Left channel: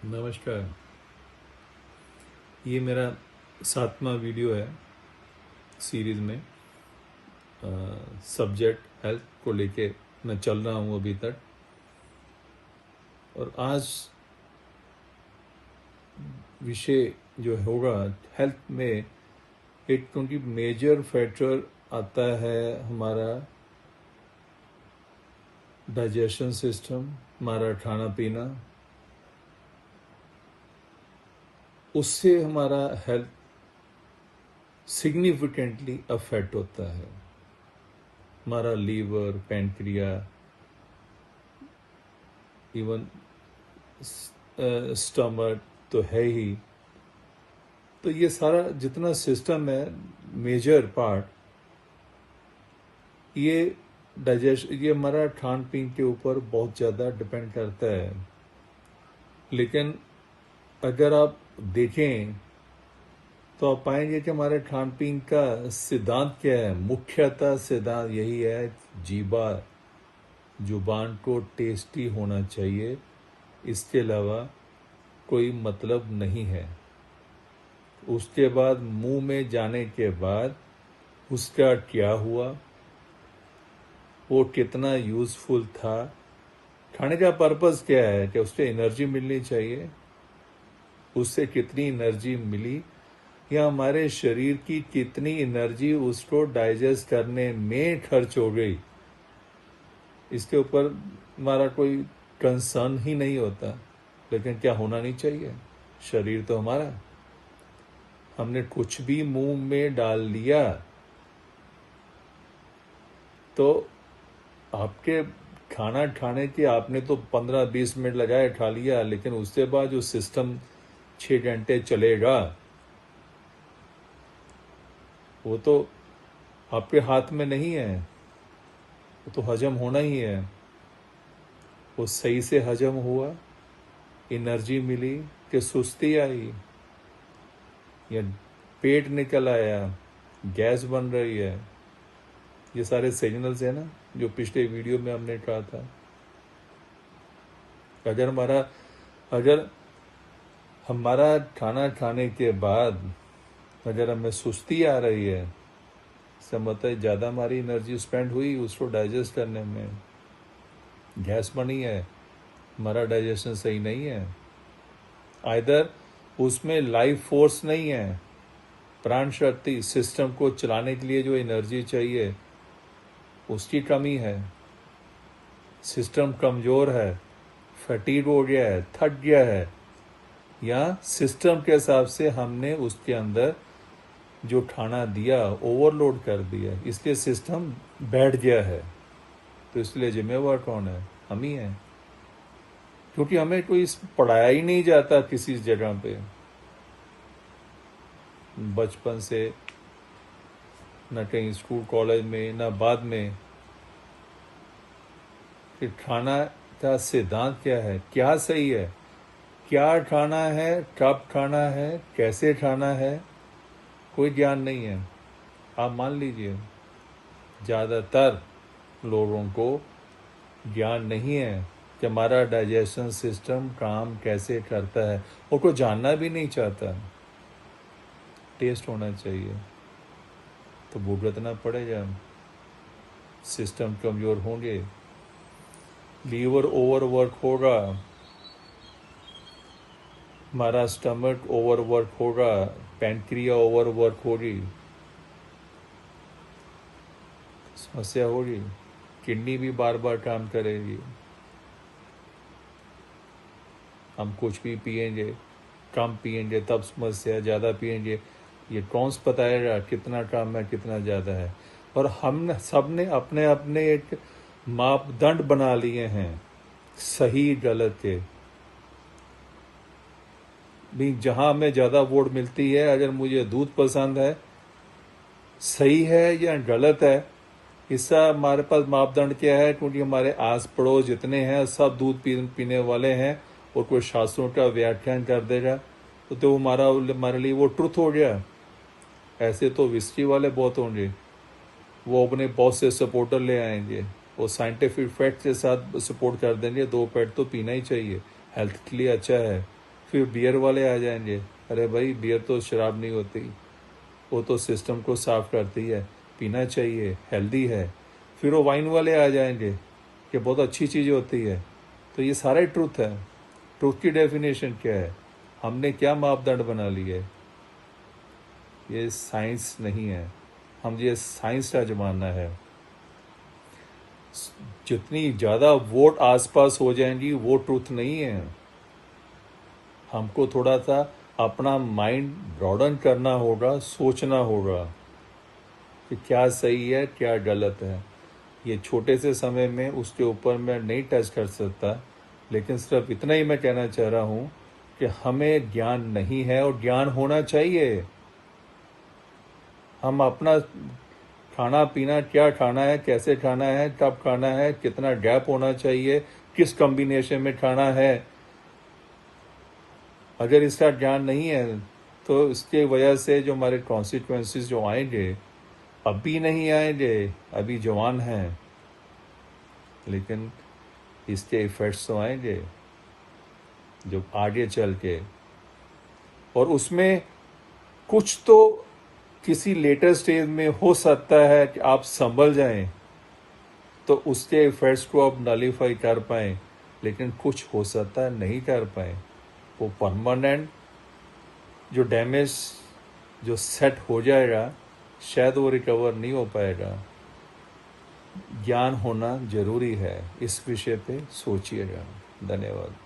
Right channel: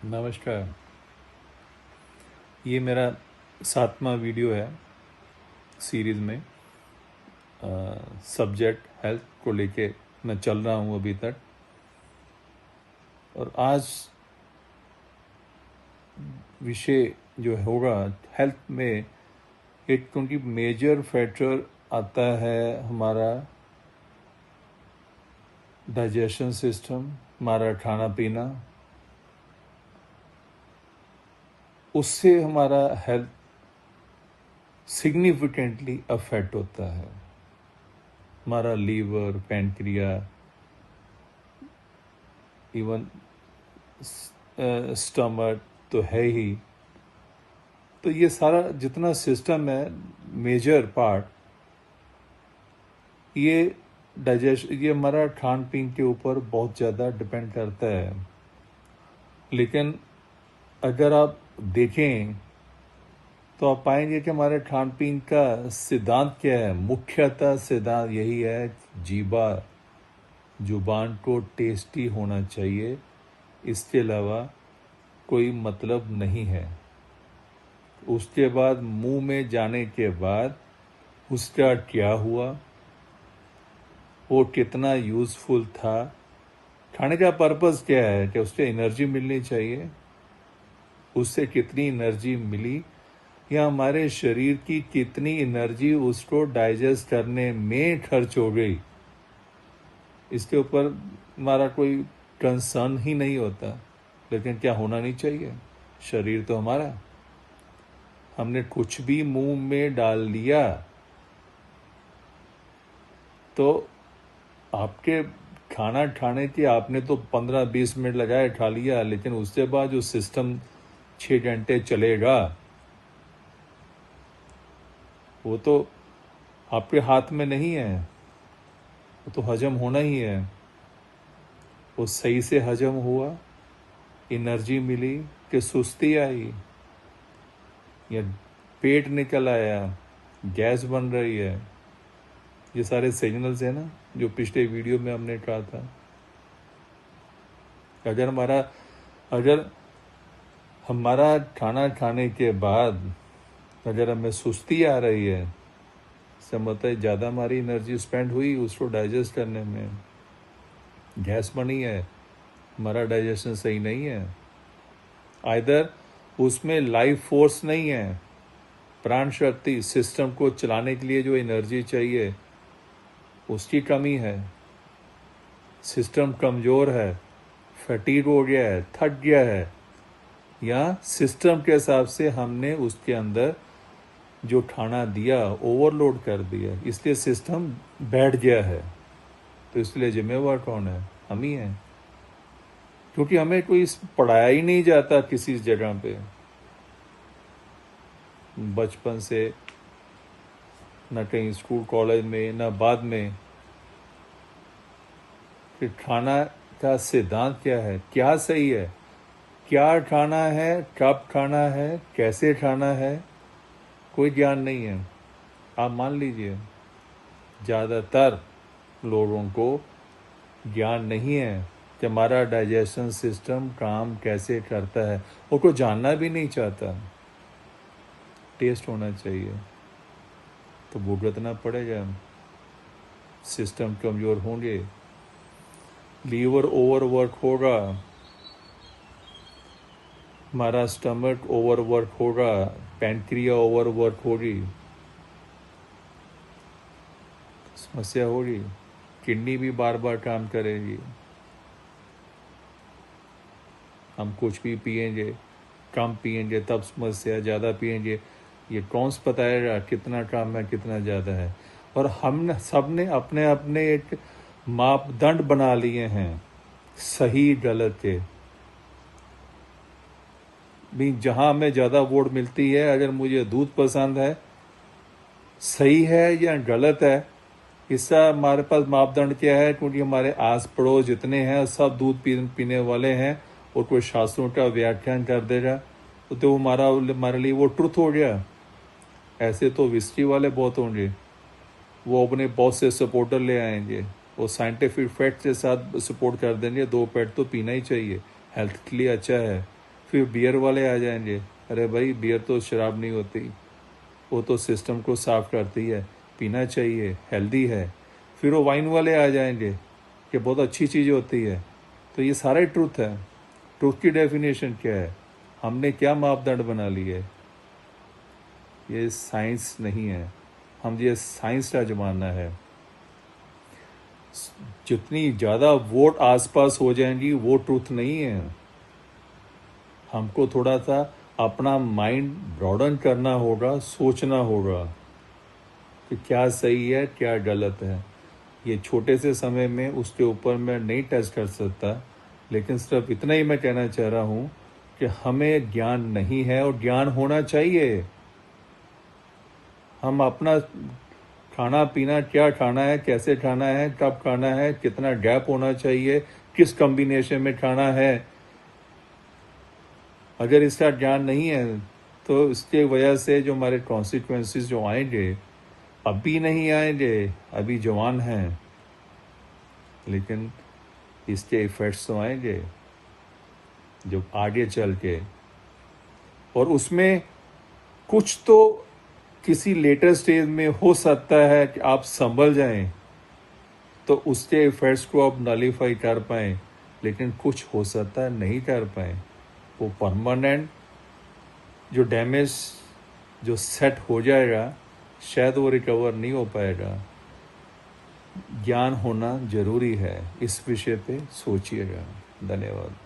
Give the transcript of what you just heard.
नमस्कार। ये मेरा 7वां वीडियो है सीरीज़ में। सब्जेक्ट हेल्थ को लेके मैं चल रहा हूँ अभी तक। और आज विषय जो होगा हेल्थ में, एक क्योंकि मेजर फैक्टर आता है हमारा डाइजेशन सिस्टम, हमारा खाना पीना, उससे हमारा हेल्थ सिग्निफिकेंटली अफेक्ट होता है। हमारा लीवर, पैंक्रिया, इवन स्टमक तो है ही। तो ये सारा जितना सिस्टम है, मेजर पार्ट, ये डाइजेशन, ये हमारा खान पीन के ऊपर बहुत ज़्यादा डिपेंड करता है। लेकिन अगर आप देखें तो आप पाएंगे कि हमारे खान पीन का सिद्धांत क्या है। मुख्यतः सिद्धांत यही है, जुबान को टेस्टी होना चाहिए, इसके अलावा कोई मतलब नहीं है। उसके बाद मुंह में जाने के बाद उसका क्या हुआ, वो कितना यूज़फुल था, खाने का पर्पस क्या है, कि उससे एनर्जी मिलनी चाहिए, उससे कितनी एनर्जी मिली, या हमारे शरीर की कितनी एनर्जी उसको डाइजेस्ट करने में खर्च हो गई, इसके ऊपर हमारा कोई कंसर्न ही नहीं होता। लेकिन क्या होना नहीं चाहिए, शरीर तो हमारा, हमने कुछ भी मुंह में डाल लिया तो आपके खाना खाने के आपने तो 15-20 मिनट लगाए, खा लिया, लेकिन उसके बाद जो सिस्टम 6 घंटे चलेगा वो तो आपके हाथ में नहीं है। वो तो हजम होना ही है। वो सही से हजम हुआ, एनर्जी मिली कि सुस्ती आई, या पेट निकल आया, गैस बन रही है, ये सारे सिग्नल्स है ना, जो पिछले वीडियो में हमने कहा था। अगर हमारा खाना खाने के बाद अगर हमें सुस्ती आ रही है, इसका मतलब ज़्यादा हमारी एनर्जी स्पेंड हुई उसको डाइजेस्ट करने में, गैस बनी है, हमारा डाइजेशन सही नहीं है, आइदर उसमें लाइफ फोर्स नहीं है, प्राण शक्ति, सिस्टम को चलाने के लिए जो एनर्जी चाहिए उसकी कमी है, सिस्टम कमज़ोर है, फटीग हो गया है, थक गया है, या सिस्टम के हिसाब से हमने उसके अंदर जो खाना दिया ओवरलोड कर दिया, इसलिए सिस्टम बैठ गया है। तो इसलिए जिम्मेवार कौन है? हम ही हैं, क्योंकि हमें कोई पढ़ाया ही नहीं जाता किसी जगह पे बचपन से, न कहीं स्कूल कॉलेज में, न बाद में, कि खाना का सिद्धांत क्या है, क्या सही है, क्या खाना है, कब खाना है, कैसे खाना है, कोई ज्ञान नहीं है। आप मान लीजिए ज़्यादातर लोगों को ज्ञान नहीं है कि हमारा डाइजेशन सिस्टम काम कैसे करता है, वो कोई जानना भी नहीं चाहता। टेस्ट होना चाहिए तो भुगतना पड़ेगा, सिस्टम कमज़ोर होंगे, लीवर ओवरवर्क होगा, हमारा स्टमक ओवरवर्क होगा, पैंक्रिया ओवरवर्क होगी, समस्या होगी, किडनी भी बार बार काम करेगी, हम कुछ भी पिएंगे, कम पिएंगे तब समस्या, ज़्यादा पिएंगे ये कौन सा बताएगा कितना कम है कितना ज़्यादा है। और हम सब ने अपने अपने एक मापदंड बना लिए हैं सही गलत के भी। जहाँ हमें ज़्यादा वोट मिलती है, अगर मुझे दूध पसंद है, सही है या गलत है, इसका हमारे पास मापदंड क्या है, क्योंकि हमारे आस पड़ोस जितने हैं सब दूध पीने वाले हैं, और कोई शास्त्रों का व्याख्यान कर देगा तो हमारे लिए वो ट्रुथ हो गया। ऐसे तो विस्की वाले बहुत होंगे, वो अपने बहुत से सपोर्टर ले आएंगे, वो साइंटिफिक फैक्ट के साथ सपोर्ट कर देंगे 2 पैक तो पीना ही चाहिए, हेल्थ के लिए अच्छा है, फिर बियर वाले आ जाएंगे, अरे भाई बियर तो शराब नहीं होती, वो तो सिस्टम को साफ करती है, पीना चाहिए, हेल्दी है। फिर वो वाइन वाले आ जाएंगे कि बहुत अच्छी चीज़ होती है। तो ये सारा ही ट्रूथ है। ट्रूथ की डेफिनेशन क्या है? हमने क्या मापदंड बना लिए? ये साइंस नहीं है। हम ये साइंस का जमाना है। जितनी ज़्यादा वोट आसपास हो जाएंगी वो ट्रूथ नहीं है। हमको थोड़ा सा अपना माइंड ब्रॉडन करना होगा, सोचना होगा कि क्या सही है क्या गलत है। ये छोटे से समय में उसके ऊपर मैं नहीं टच कर सकता, लेकिन सिर्फ इतना ही मैं कहना चाह रहा हूँ कि हमें ज्ञान नहीं है और ज्ञान होना चाहिए। हम अपना खाना पीना, क्या खाना है, कैसे खाना है, कब खाना है, कितना गैप होना चाहिए, किस कॉम्बिनेशन में खाना है, अगर इसका ज्ञान नहीं है तो इसके वजह से जो हमारे कॉन्सिक्वेंसेस जो आएंगे, अभी नहीं आएंगे, अभी जवान हैं, लेकिन इसके इफेक्ट्स तो आएंगे जो आगे चल के। और उसमें कुछ तो किसी लेटर स्टेज में हो सकता है कि आप संभल जाएं तो उसके इफेक्ट्स को आप नलीफाई कर पाएं, लेकिन कुछ हो सकता है नहीं कर पाएं। वो परमानेंट जो डैमेज जो सेट हो जाएगा, शायद वो रिकवर नहीं हो पाएगा। ज्ञान होना जरूरी है। इस विषय पे सोचिएगा। धन्यवाद।